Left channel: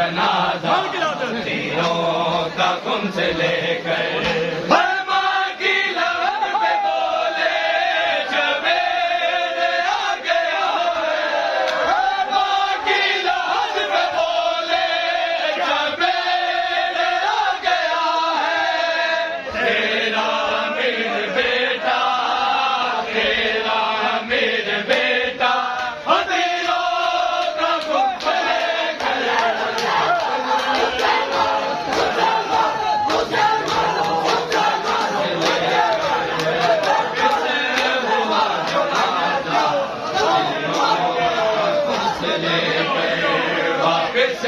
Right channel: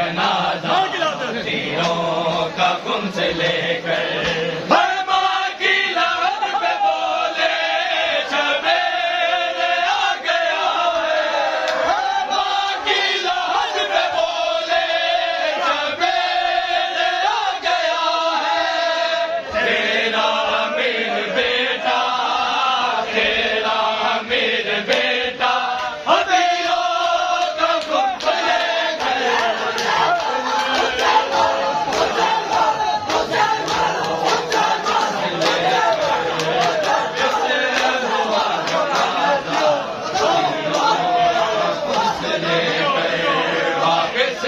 जनाजा तीरों का खून से लेकर बर्मा की लहर पे बोले सवेरे आ गया है। बर्मा की लहर पे बोले सवेरे आ गया है। तेरा अमीर बेटा, तेरा अमीर बेटा तीरों का खून से लेकर वापिस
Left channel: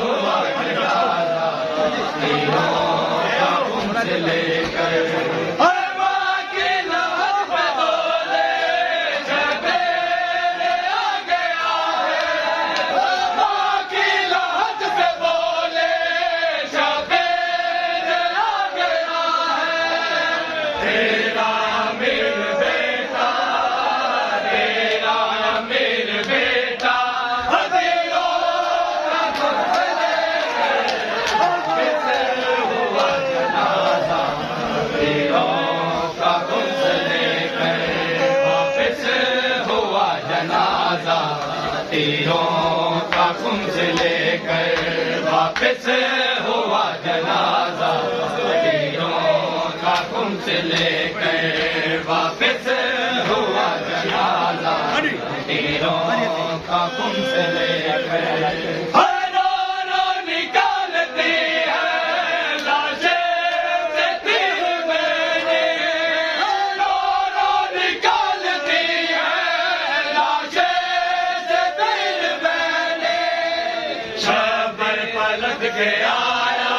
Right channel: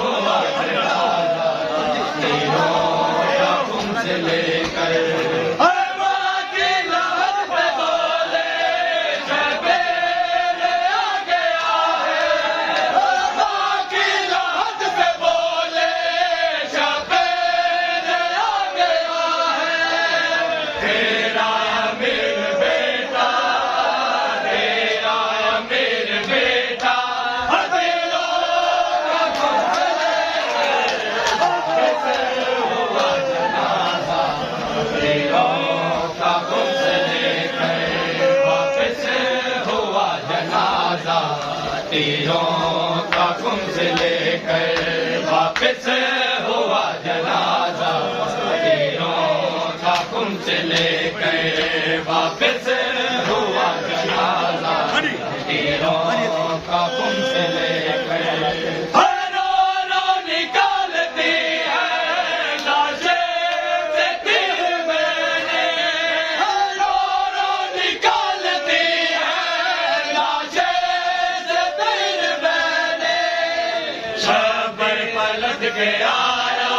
हुआ जनाजा तीरों का खून से लेकर बर्मा की लहर पे बोले सवेरे आ गया है। बर्मा की लहर पे बोले सवेरे आ गया है। तेरा अमीर बेटा, तेरा अमीर बेटा तीरों का खून से लेकर हुआ जनाजा तीरों का खून से लेकर वापिस हुआ जनाजा तीरों का खून से लेकर वापिस हुआ जनाजा तीरों का खून से लेकर वापिस हुआ जनाजा तीरों का खून से लेकर निकालती है लाशें से तीर मैंने निकालती है लाशें से तीर मैंने शबर पलट के आया,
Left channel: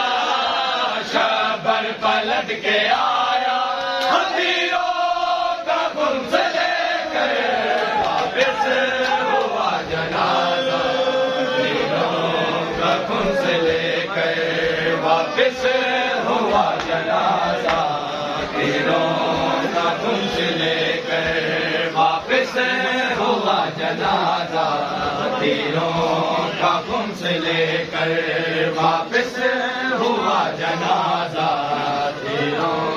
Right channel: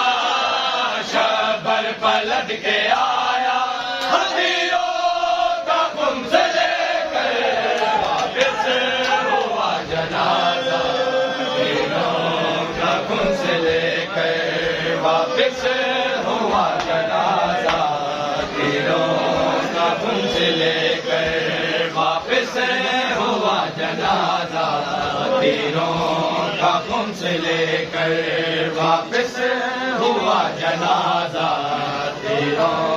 शबर पलट के आया तीरों का खून से लेकर वापिस हुआ जनाजा तीरों का खून से लेकर वापिस हुआ जनाजा तीरों का खून से लेकर वापिस हुआ जनाजा तीरों का खून से लेकर वापिस हुआ जनाजा तीरों